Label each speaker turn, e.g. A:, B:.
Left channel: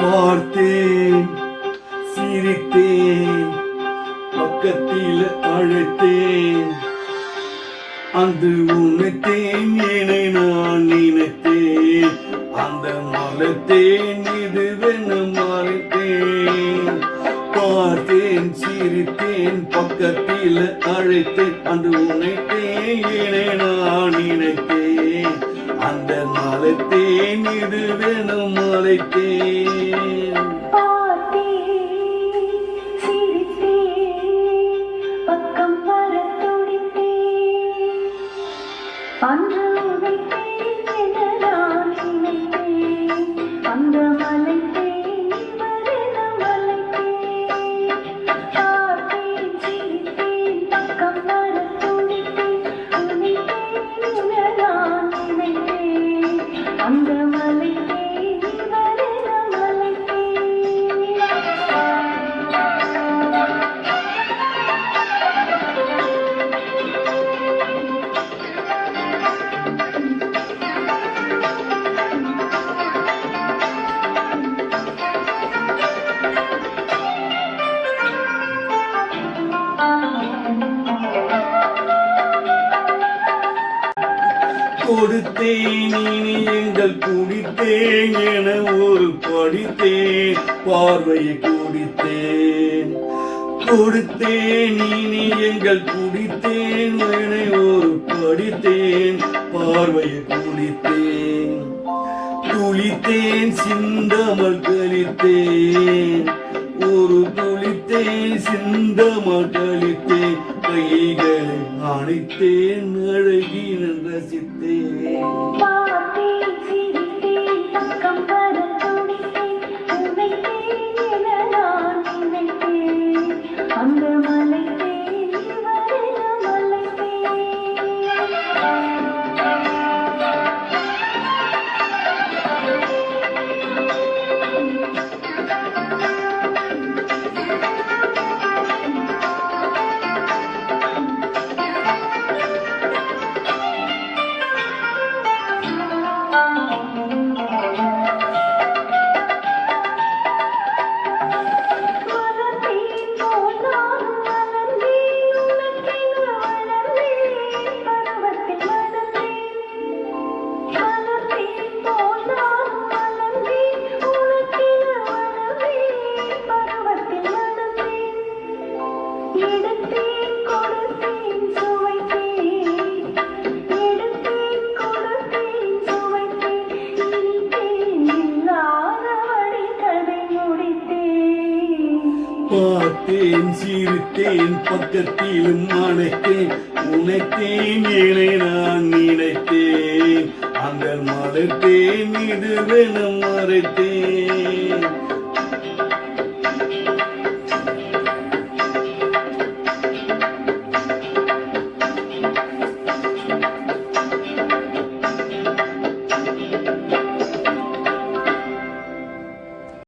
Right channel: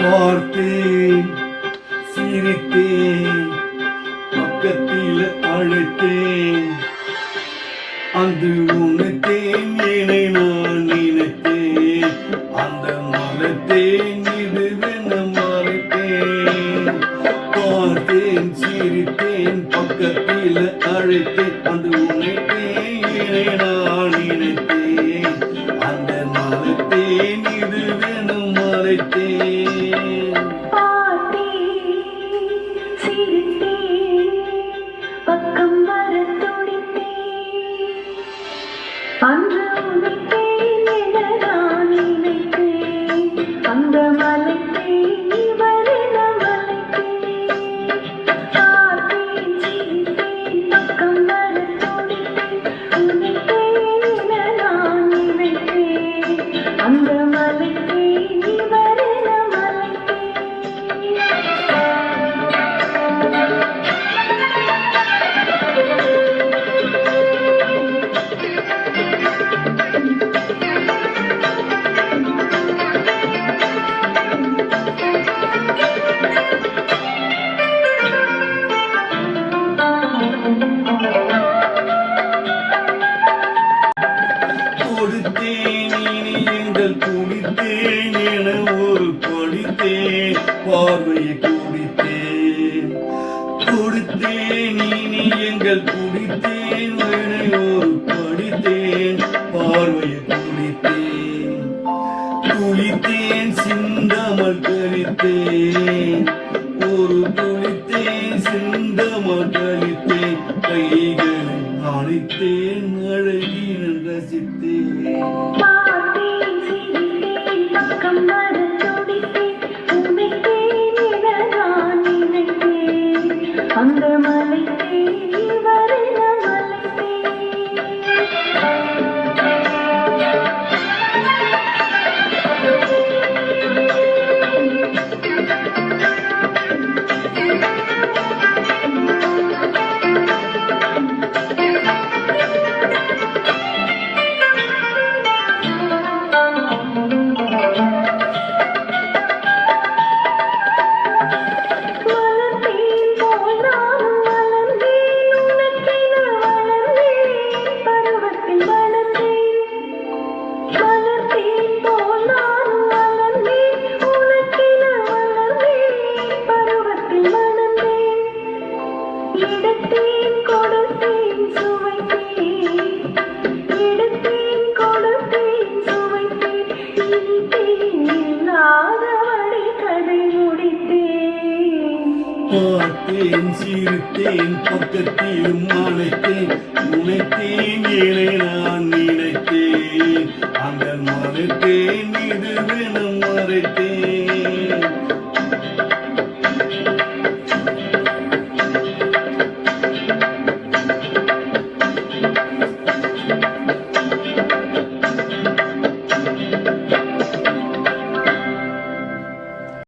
A: பார்த்தேன் சிரித்தேன் பக்கத்தில் அழைத்தேன். அந்த உணத்தேன் என நான் நினைத்தேன். அந்த மலத்தேன் இதுவென மறைத்தேன். பார்த்தேன் சிரித்தேன் பக்கத்தில் அழைத்தேன். அந்த உணத்தேன் என நான் நினைத்தேன். அந்த மலத்தேன் இதுவென மறைத்தேன்.
B: அன்று உதைத்தேன்
A: கொடுத்தேன் இனி எங்கள் குடித்தேன் என ஒரு படித்தேன் பார்வையை குடித்தேன். கொடுத்தேன் இனி எங்கள் குடித்தேன் என ஒரு படித்தேன் பார்வையை குடித்தேன். துளித்தேன் சிந்தமல் கழித்தேன் ஒரு துளித்தே சிந்த மகளித்தே கைகளை அணைத்தேன் அழகின ரசித்தேன்.
B: அந்த மலை
A: பார்த்தேன் சிரித்தேன் பக்கத்திலும் அணைத்தேன். உனைத்தேன் இணை நான் நினைத்தேன். அந்த மலைத்தேன் இதுவென மறைத்தேன்.